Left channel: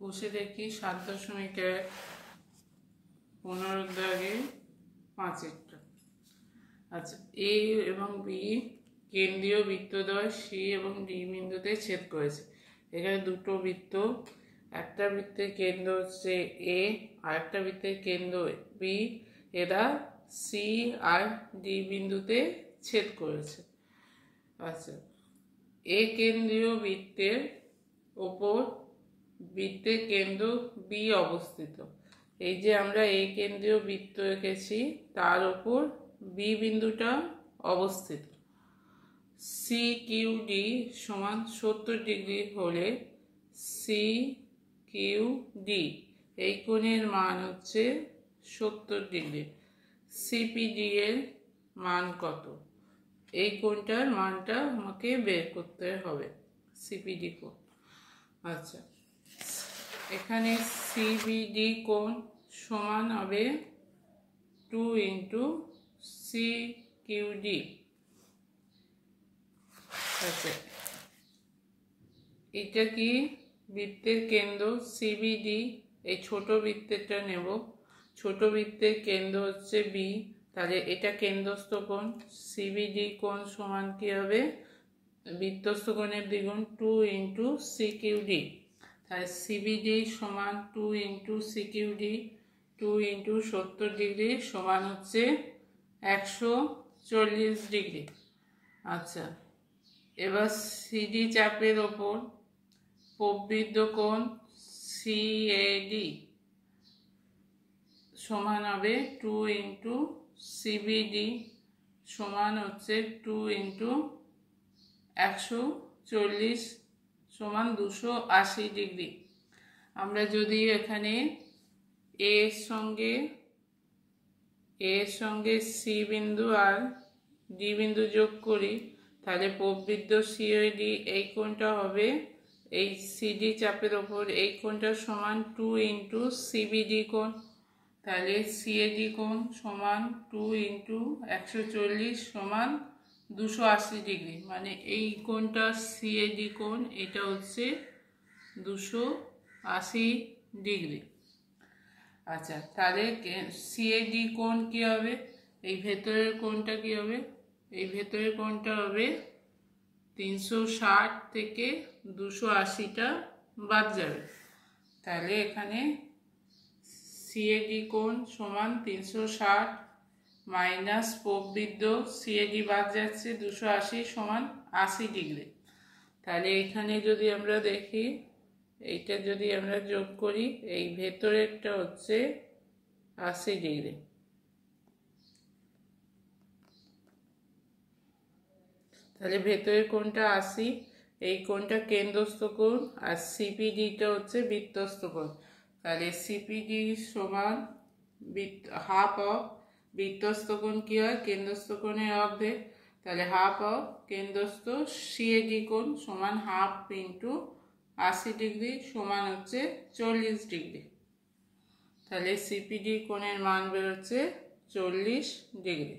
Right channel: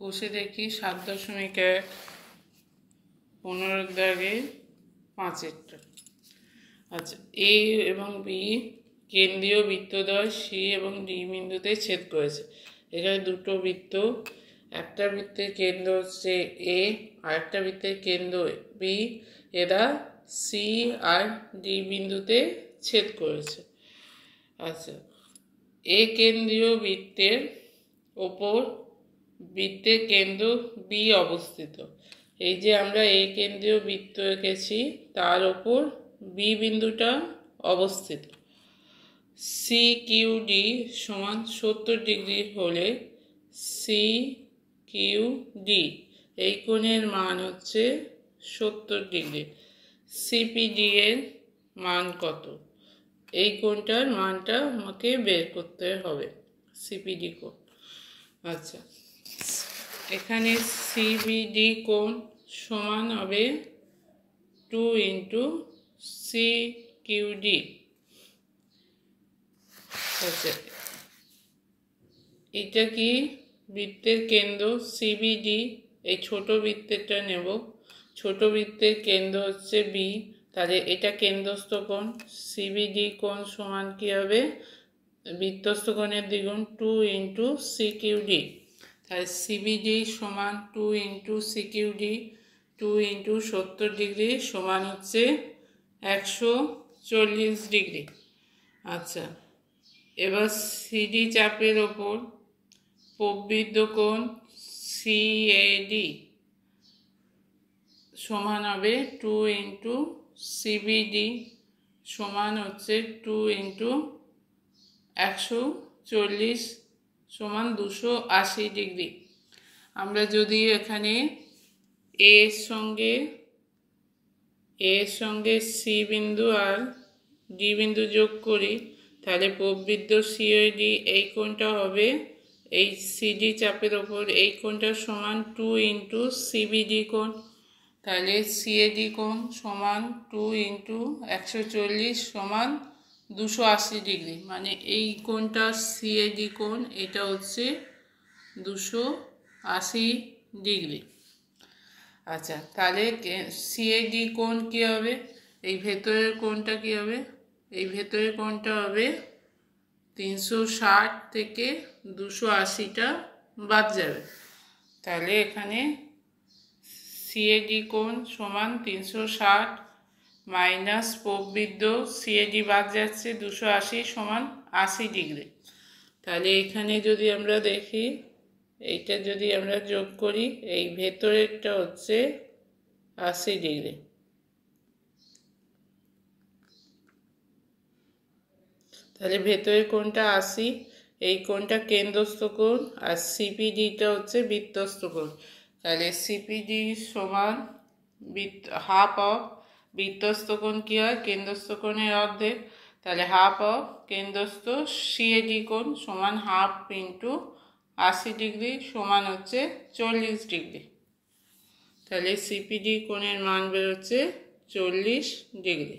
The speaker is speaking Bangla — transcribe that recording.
কষে দেখি 7.1 15-5 আচ্ছা, এ এবং বি কেন্দ্রীয় বৃত্তদ্বয় সি এবং ডি বিন্দুতে ছেদ করেছে। এখানে দুটো বৃত্ত, একটা বৃত্তের কেন্দ্র হচ্ছে এ আর একটা বৃত্তের কেন্দ্র বি, এরা সি আর ডি বিন্দুতে ছেদ করেছে। আচ্ছা, এ কেন্দ্রীয় বৃত্তের ওপর বৃত্তের কেন্দ্র বি অবস্থিত। এই যে আমরা এ কেন্দ্রীয় বৃত্ত এঁকেছি তার ওপর বি বিন্দুটা অবস্থিত। সি কিউ ডি সমান 70 ডিগ্রি হলে সি কিউ ডি এই কোণের মান হচ্ছে 70 ডিগ্রি। সিপিডি এর মান কত? এই কোণটার মানটা আমাকে বের করতে হবে, সিপিডি কোণ। আচ্ছা, এখানে সিবিডি কোণ সমান হবে 2 ইন্টু সি কিউডি। আচ্ছা, এটা কি বৃত্তের কেন্দ্র সিবিডি, এই ছোট বৃত্তেরটা নেব। ছোট বৃত্তের কেন্দ্র হচ্ছে বি, তাহলে এটা কেন্দ্রস্থ কোণ। সিবিডি কোণ সমান কি হবে? বৃত্তস্থ কোণের দ্বিগুণ 2 ইন্টু সি কিউডি। তাহলে সিবিডি সমান 2 into C QD, 2 into 70 degree সমান হচ্ছে 140 ডিগ্রি। আচ্ছা, এবার সিডি চাপের ওপর প্রবৃদ্ধ কোণ সিএডি সমান হবে 2 ইন্টু সিবিডি সমান হচ্ছে 2 ইন্টু 140 সমান 280 ডিগ্রি। আমরা যদি এখানে এর সঙ্গে সি বিন্দু আর ডি বিন্দু যোগ করি, তাহলে প্রবৃদ্ধ সিএডি এই কোণটা হবে, এই সিডি চাপের ওপর এই কোণটার সমান 2 ইন্টু সিবিডি কোণ। তাহলে সিএডি কোণ সমান 2 ইন্টু 140 সমান 280 ডিগ্রি। মানে এই কোণটা সিএডি কোণ, এটা হচ্ছে 280 ডিগ্রি। আচ্ছা, তাহলে সিএডি কোণ কী হবে? এই ভেতরের কোণটা কী হবে? এই ভেতরের কোণটা হবে 360 থেকে 280টা বাদ যাবে। তাহলে এখানে সিএডি কোণ সমান 360 মাইনাস প্রবৃদ্ধ সিএডি বাদ যাচ্ছে 280 সমান 80 ডিগ্রি। তাহলে এখানে যদি আমরা দেখি, এইটা যদি আমরা যোগ করি, এই ভেতরেরটা হচ্ছে 80 ডিগ্রি। তাহলে ভেতরের কোণটা 80, এই কোণটা কেন্দ্রস্থ কোণ, আর সিপিডিটা হচ্ছে বৃত্তস্থ কোণ। তাহলে সিপিডি সমান হাফ অফ বৃত্তস্থ কোণ কী হয়? কেন্দ্রস্থ কোণের অর্ধেক। তাহলে হাফ অফ কেন্দ্রস্থ সিএডি কোণ সমান হাফ ইন্টু 80 ডিগ্রি সমান হচ্ছে 40 ডিগ্রি। তাহলে সিপিডি কোণের মান বেরোচ্ছে 40 ডিগ্রি।